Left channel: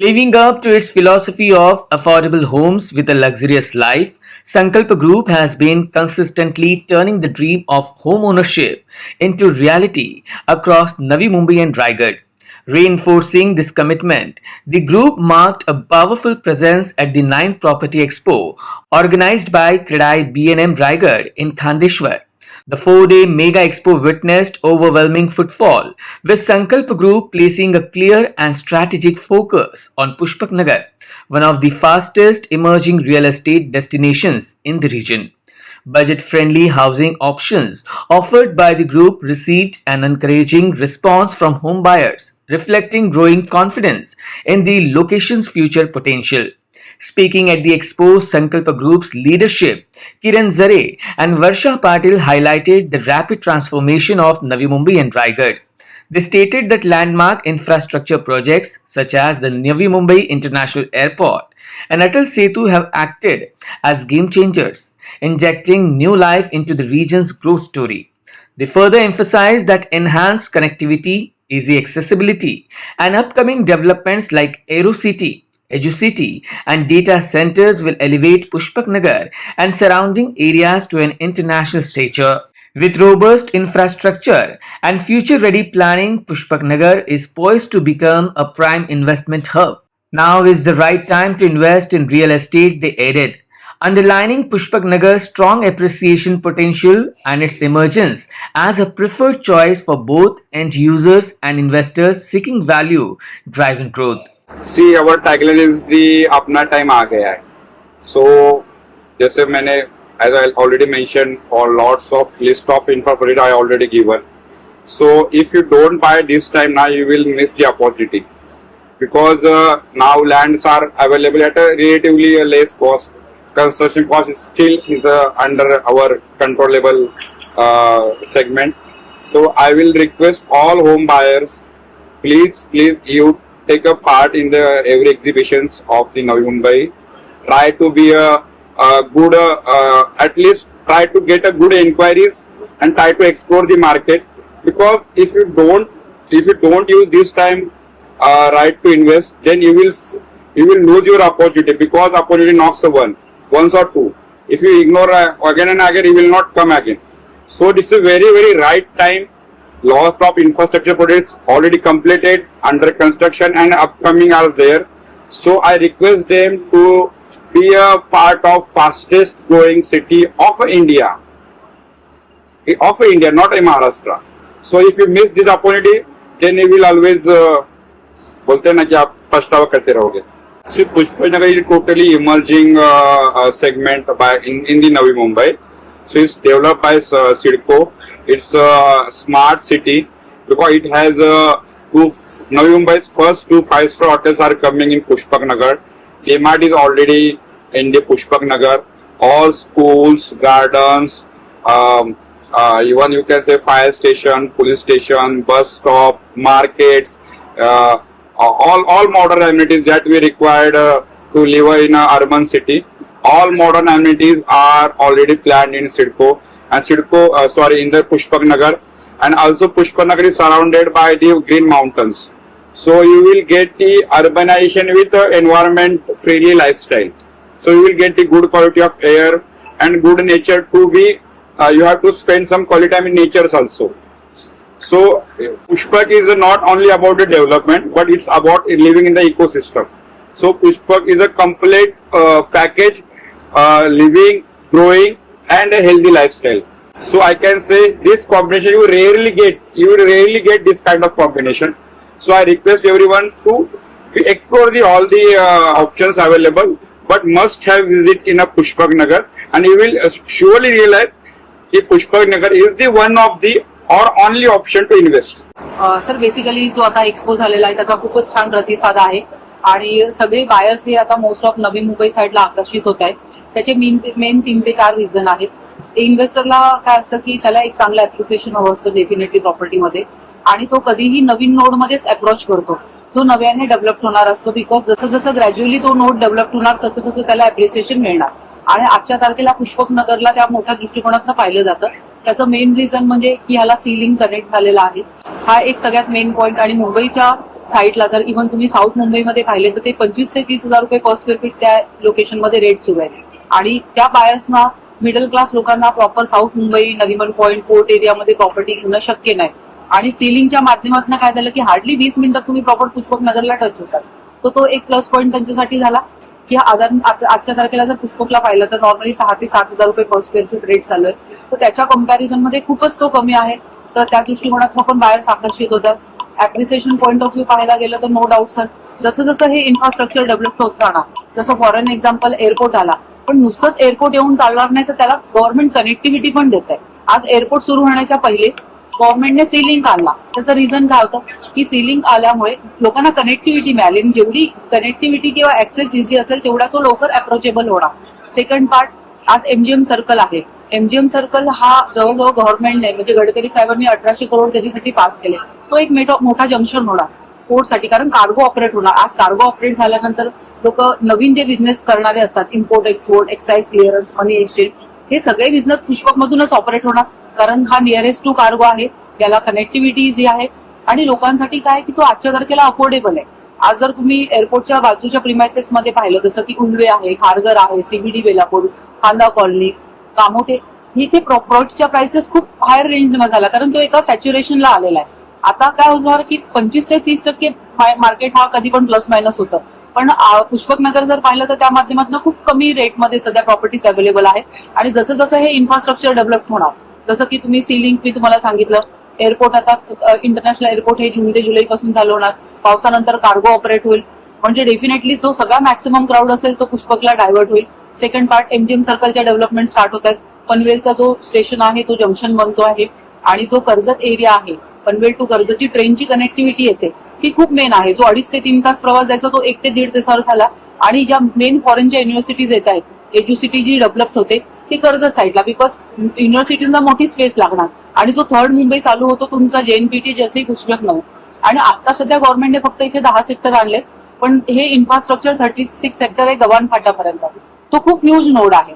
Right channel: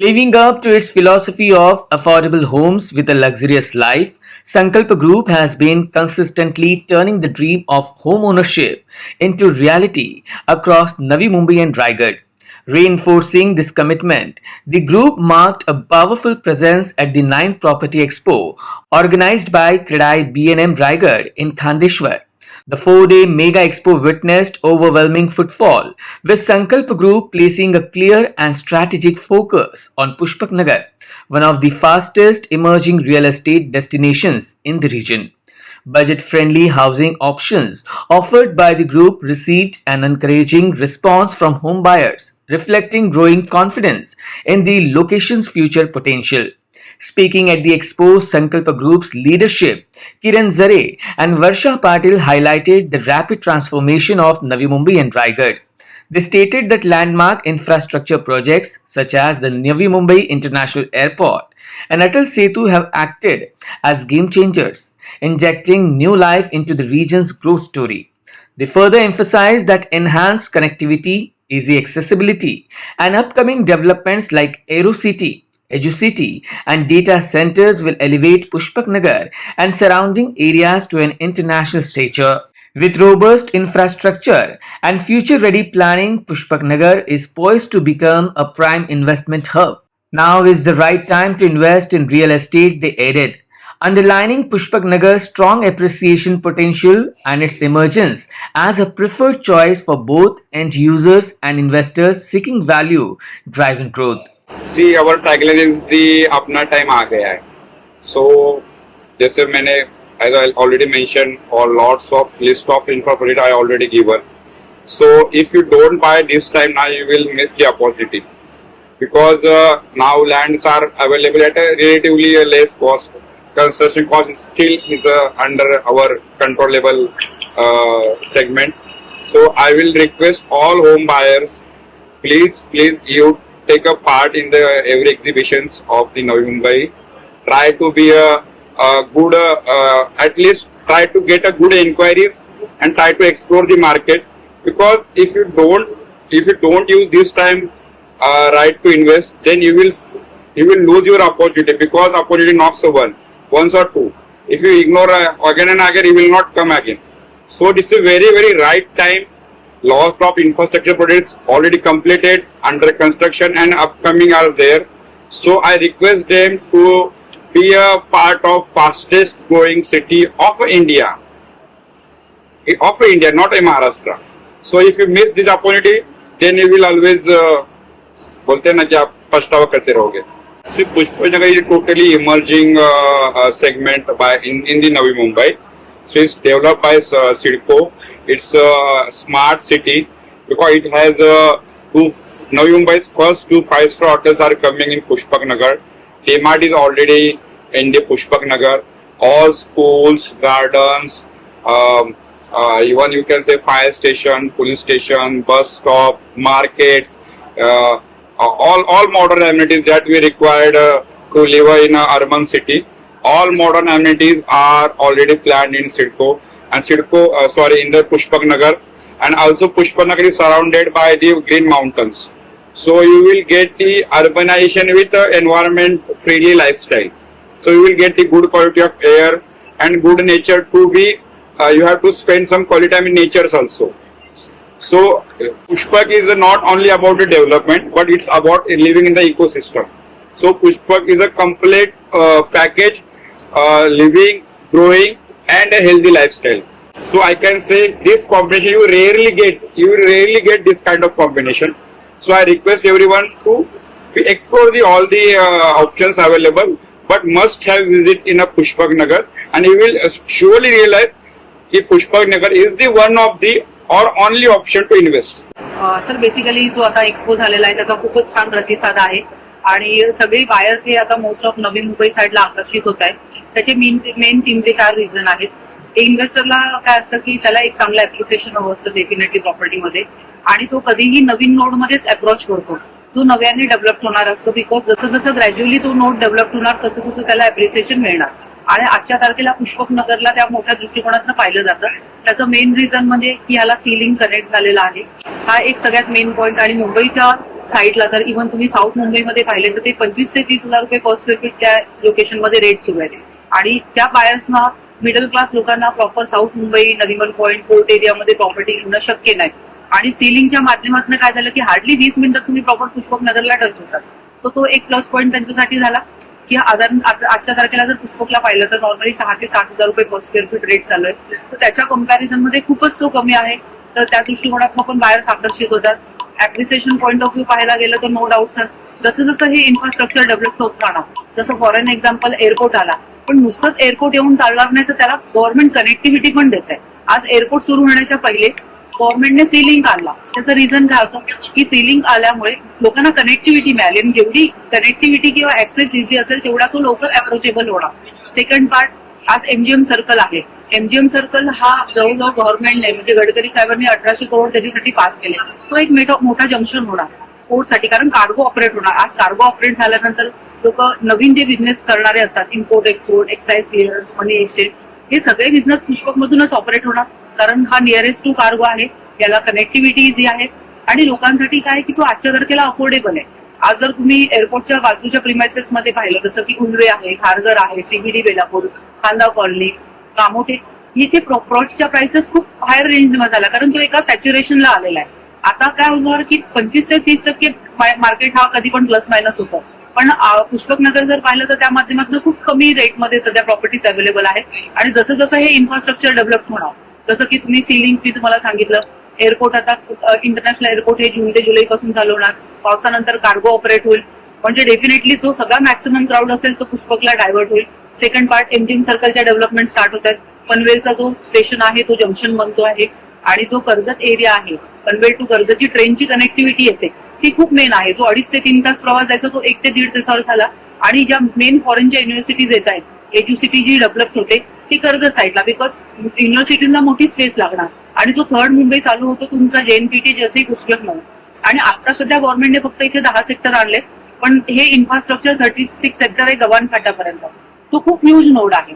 Living up to its philosophy of affordable homes with a luxurious life, Sankalpa Group has been consistently turning the dream of home ownership into reality across Navi Mumbai and Raigad. Reinforcing this commitment, the group marked a powerful presence at the 9th Property Expo organized by Kredai B&M Raigad in Khandeshwar. The 4-day Mega Expo witnessed overwhelming footfall, with Sankalp Group placing a clear and strategic focus on Pushpak Nagar, one of the fastest emerging real estate destinations in the region. Budget-friendly housing options offered by the group received an encouraging response from home buyers, reflecting growing confidence in the location's future potential. Speaking at the expo, Sankalpa Group's leadership, Kiran Zare and Varsha Patil highlighted the rapid transformation of Navi Mumbai and Raigad. They stated that landmark infrastructure projects such as the Navi Mumbai International Airport and Atal Setu have acted as game changers, injecting new life into the region's growth story. They further emphasized that enhanced connectivity, easy accessibility, and upcoming developments like AeroCity, EduCity, and data centers will elevate Pushpak Nagar and surrounding areas to an international stature. With robust infrastructure and future ready planning, Pushpak Nagar is poised to become a prime investment hub. Now is the right time to invest in real estate, they added, underlining Pushpak Nagar's strong appreciation potential and its emergence as a preferred choice for both end users and investors seeking value driven growth. See our tagline is the अपना time आ गया है. So जैसे मैंने as I already mention और lots of list of infra project I already given. So if you don't buy this time now you will miss the opportunity because now lands are available at a relatively less cost. Construction cost is still under our controllable segment. So I will request all home buyers, please you take a part in the every exhibitions of the Navi Mumbai. Try to be a good, at least try to get a good inquiries and try to explore the market. Because if you don't use this time right to invest, then you will lose your opportunity, because opportunity knocks once or two. If you ignore again and again, you will not come again. So this is very right time. Lots of infrastructure projects already completed, under construction, and upcoming are there. So I request them to be a part of fastest growing city of India, not a Maharashtra. So if you miss this opportunity, then you will always बोलते हैं ना कि आप पछतावा करते रहोगे. See, Pushpak Nagar is totally emerging segment in the Navi Mumbai. So it's developed by CIDCO. It's a smart city because it has Navi Mumbai's first 2 5-star hotels are coming in Pushpak Nagar. DMart is already in the Pushpak Nagar. All schools, gardens, even you can say fire station, police station, bus stop, markets, all modern amenities that we required to live in an urban city. All modern amenities are already planned in CIDCO and in the Pushpak Nagar, and also Pushpak Nagar is surrounded by the green mountains. So you will get the urbanization with the environment friendly lifestyle. So you will get the good quality of air and good nature to be. You have to spend some quality time in nature also. So Pushpak is not only about the development, but it's about living in the ecosystem. So Pushpak is a complete package, living, growing, and a healthy lifestyle. So I can say this combination you will rarely get this kind of combination. So I request everyone to explore all the options available, but must have visit in a Pushpak Nagar, and you will surely realize that Pushpak Nagar is the one of the or only option to invest. Sir basically जो आता एक्सपो झालेला आहे त्याचा खूपच छान प्रतिसाद आहे आणि सगळे बायर्स हे आता मोस्ट ऑफ नवी मुंबई साईडला आकर्षित होत आहेत. त्याचे मेन 3 ते 4 रिझन आहेत. इन्व्हेस्टरला काय असतं की त्याला एक चांगलं ऍप्रिसिएशन हवं असतं डेफिनेटली प्रॉपर्टीमध्ये, आणि तो कधीही नवीन नोडमध्येच अप्रोच करतो जो नव्याने डेव्हलप होणार असतो. बिकॉज जसं ग्रॅज्युअली तो नोड डेव्हलप होणार तसं त्याला ऍप्रिसिएशन मिळणार. आणि आजच्या तारखेला पुष्पक नगरला त्या मोठ्या दृष्टिकोनातून पाहिलं जातं. त्याचं मेन रिझन म्हणजे की ह्याला सीलिंग कनेक्ट झालेला आहे. हा एक सगळ्यात मेन पॉइंट. आणि मुंबईच्या साईटला जर इव्हन तुम्ही साऊथ मुंबईमध्ये पाहिले तर ते 25 ते 30,000 रुपये पर स्क्वेअर फीट त्या लोकेशनमध्ये रेट सुरू आहे. आणि त्या बायर्सना, मिडल क्लास लोकांना proper south Mumbai, Nariman point, fort एरियामध्ये प्रॉपर्टी घेणं शक्य नाही. आणि सीलिंगच्या माध्यमातून काय झालं की हार्डली 20 मिनिटात तुम्ही प्रॉपर पुष्पक नगरला टच होतात. तो एक प्लस पॉईंट त्यांच्यासाठी झाला की आजच्या तारखेला जर पुष्पकला पाहिलं तर नॉर्मली 6,000 ते 7,000 रुपये पर स्क्वेअर फीट रेट चालू आहे. तर त्याच्या कम्पॅरिझन मध्ये खूपच तो कमी आहे. तर त्या दृष्टिकोनातून पण बायर्स आकर्षित होतात. ऍप्रिसिएशन पॉईंट ऑफ व्ह्यू पाहायला गेलं तर नो डाऊट सर, जसं जसं हे इन्फ्रास्ट्रक्चर डेव्हलप होत जाणार, जसं फॉर एन एक्झाम्पल एअरपोर्ट आला, पण नुसतंच एअरपोर्ट येऊन चालणार नाही तर त्याला गव्हर्नमेंट कनेक्टिव्हिटी पण देत आहे. आज एअरपोर्ट सुरू होण्याच्या पहिले गव्हर्नमेंटने सी लिंक आणला. त्याचं रिझन काय होतं की सी लिंक आल्यामुळे लोकांना कनेक्टिव्हिटी मिळाली आणि जेवढी कनेक्टिव्हिटी किंवा ऍक्सेस इझी असेल तेवढा तो लवकर अप्रोचेबल होणार. सेकंड पार्ट, आज एमजीएम सर्कल आहे. एमजीएम सर्कल हा जवळजवळ गव्हर्नमेंटने म्हणजे गडकरी साहेबांनी 1800 करोड त्याच्यासाठी पास केले. तो एक मोठा जंक्शन होणार पोर्टसाठी, कारण कार्गो ऑपरेट होणार. आज कार्गो ऑपरेट झाल्यानंतर लोक नवीन जे बिझनेस करणारे असतात, import export, excise clearance, money exchange, हे सगळे बिझनेस पुष्पक मधूनच ऑपरेट होणार. कारण हा नियरेस्ट टू कार्गो आहे, याला कनेक्टिव्हिटी इझी आहे आणि लोकांसाठी काय की तो आजच्या तारखेला अफोर्डेबल आहे. आज जर तुम्ही एअरपोर्टच्या बाजूच्या प्रिमायसेस मध्ये पाहिलं, जसं की उल्वे आहे, खारघर आहे, सीबीडी बेलापूर, खांदा कॉलनी, कामोठे, इथे प्रॉपर्टीच्या प्राइसेस खूप हायर रेंजमध्ये झाला, कारण तो एका सॅच्युरेशनला आलेला आहे. आता काय होणार की 25 ते 30% मार्केट हा कधी पण प्लस मायनस होतं. पण पुष्पक नगर जर पाहिलं तर त्या माध्यमातून खूप कमी रेटमध्ये सध्या प्रॉपर्टीज अवेलेबल आहे. आणि जसं जसं हे इन्फ्रास्ट्रक्चर डेव्हलप होणार, जसं की तुम्ही सी लिंक मी तुम्हाला सांगितलं, एअरपोर्ट आता इंटरनॅशनल एअरपोर्ट हे जून ते जुलै पासून चालू होणार. पावसानंतर कार्गो ऑपरेट होईल, म्हणजे डेफिनेटली जो सगळा मॅक्सिमम क्राऊड असेल तो पुष्पकला डायव्हर्ट होईल. सेकंड पार्ट, एमजीएम सर्कलच्या डेव्हलपमेंट स्टार्ट होत आहेत. पनवेलचा जो स्टेशन आहे तो जंक्शन बनतो आहे आणि जो कर्जत एरिया आहे, पनवेल टू कर्जतची ट्रेनची कनेक्टिव्हिटी येते ती खूप मेन आहे. जो 2.5 ते 3 तास प्रवास जायचा तो 1 ते 1.5 तासावर झाला. आणि ज्या मेन फॉरेनच्या युनिव्हर्सिटीज येत आहेत, एज्युसिटी जी डेव्हलप होते ती कर्जत साईडला, बिकॉज युनिव्हर्सिटीजला मोठी स्पेस लागणार. आणि जो थर्ड मुंबई चालू होतो तुमचा जेएनपीटी, जसंही पुष्पक नऊ. आणि आता सध्या गव्हर्नमेंटने फक्त इथे 10 सेक्टर आणले, पण हे इन्फ्रास्ट्रक्चर 36 सेक्टर आहे गव्हाण फाट्यापर्यंत. तो खूप ह्यूज नोड आहे.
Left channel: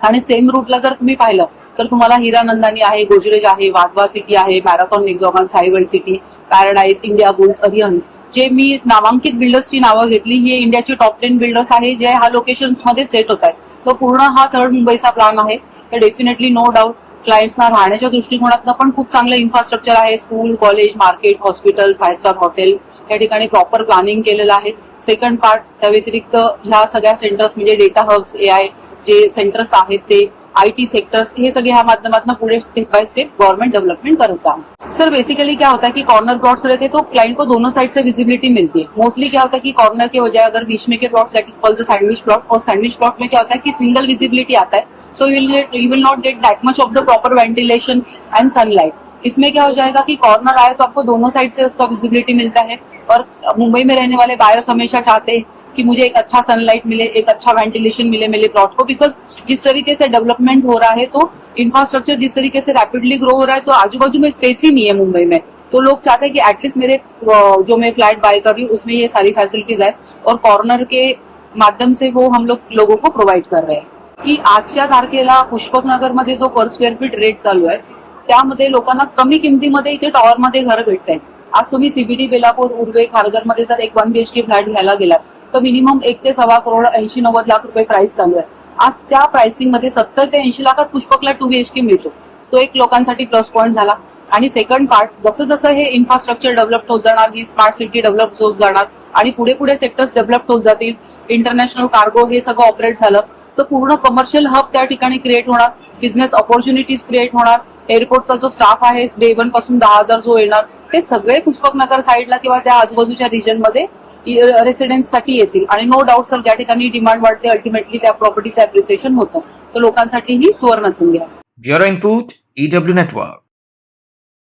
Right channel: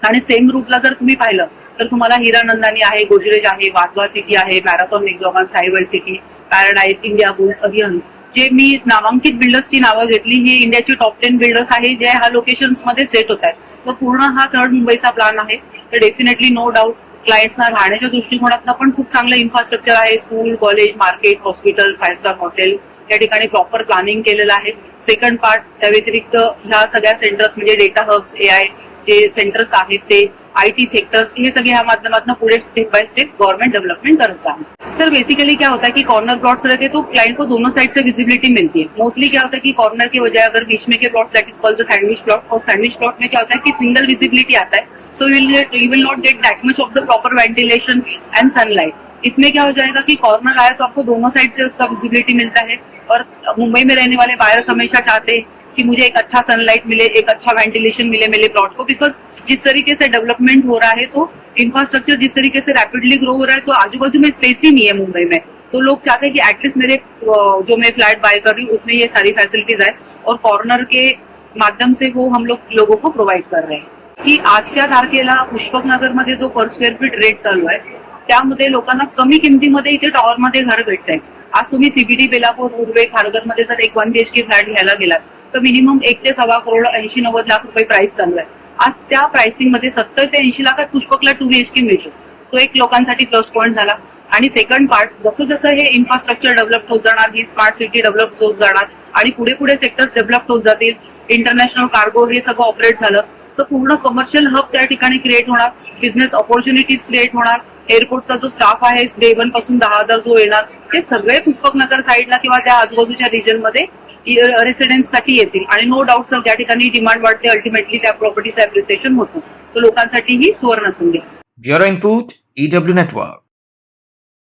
आणि सेम रूटला जर तुम्ही पाहिलं तर तुम्हाला हिरानंदानी आहे, गोजरेज आहे, वाधवा सिटी आहे, मॅरेथॉन निगजॉगन, Sai World city, Paradise, Indiabulls, Arihant, जे मी नामांकित बिल्डर्सची नावं घेतली, ही इंडियाची टॉप 10 बिल्डर्स आहे जे ह्या लोकेशन्स मध्ये सेट होत आहेत. तो पूर्ण हा थर्ड मुंबईचा प्लॅन आहे. तर डेफिनेटली नो डाऊट क्लायंट्सना राहण्याच्या दृष्टिकोनातून पण खूप चांगलं इन्फ्रास्ट्रक्चर आहे. School, college, market, hospital, 5 star hotel या ठिकाणी प्रॉपर प्लॅनिंग केलेलं आहे. सेकंड पार्ट, त्या व्यतिरिक्त ह्या सगळ्या सेंटर्स म्हणजे डेटा हब्स, AI जे सेंटर्स आहेत ते, IT सेक्टर्स, ये सगळे ह्या माध्यमातून पुढे step by step government development करत जाए. सर बेसिकली क्या होता है कि कॉर्नर प्लॉट्स रहते हैं तो क्लाइंट को दोनों साइड से विजिबिलिटी मिलती है. मोस्टली क्या होता है कि कॉर्नर के बजाय अगर बीच में के plots, that is called the sandwich plot, और सैंडविच प्लॉट में क्या होता है कि सिंगल विजिबिलिटी आता है, so you will not get that much of the proper ventilation and sunlight. इसमें क्या हो जाएगा कि कॉर्नर आए तो आपको दोनों साइड से उसका विजिबिलिटी मिलता है. और मुंबई में रहने वाले बायर्स हमेशा चाहते हैं कि मुझे एक अच्छा सनलाइट मिले, एक अच्छा वेंटिलेशन मिले मेरे प्लॉट को, बिकॉज जिस तरीके से डेवलपमेंट हो रहा है, तो इंफ्रास्ट्रक्चर जिस तरीके से रैपिडली ग्रो हो रहा है, तो आजू बाजू में स्पेस ही नहीं है मुंबई में. तो लोग चाहते हैं कि एटलीस्ट मेरे जो मैं फ्लैट बाय कर रही हूँ उसमें ये सारी फैसिलिटीज है, और कॉर्नर के माध्यम से वो हम लोगों को प्रोव्हाइड कर रहे हैं. की आजच्या तारखेला पुष्पक नगर मध्ये जो पर स्क्वेअर फीट रेट चालू आहे त्यामध्ये लोकांना कमी किमतीमध्ये इथे टॉवरमध्ये घर भेटत आहे. आज तुम्ही सीबीडी, बेलापूर, उर्वे, खारघर मध्ये जर एक 1 BHK फ्लॅट घ्यायला गेलात तर मिनिमम 1 ते 1.25 करोड 80-90 लाख रुपये प्राइस चालू आहे. आज त्या प्राइसिंग मध्ये 70 ते 80 लाखात पुष्पकला 2 BHK मिळतो. तो एक लोकांसाठी प्लस पॉईंट झाला. आणि सेकंड पार्ट, जसं जसं हे इन्फ्रास्ट्रक्चर डेव्हलप होत जाणार, ही स्मार्ट सिटी डेव्हलप होत जाणार आणि पुढे पुढे सेक्टर्स डेव्हलप होत जातील, इंटरनॅशनल कार्गो हे सगळं ऑपरेट झालं तर पूर्ण कमर्शियल हब त्या ठिकाणी क्रिएट होणार, बिझनेस ऑपॉर्च्युनिटीज क्रिएट होणार. एअरपोर्टचा जो स्टाफ आहे डे 1 पासून 10,000 जो येणार ते सगळे पुष्पक नगर साईडला किंवा त्या आजूबाजूच्या रिजनमध्ये रेसिडेन्ससाठी येतील. आणि नो डाऊट सर ज्या ठिकाणी डिमांड वाढते अल्टिमेटली त्या प्रॉपर्टीचं अप्रिसिएशन होतच. तर लोकांसाठी ही सुवर्ण संधी आहे. Bureau input, EW network.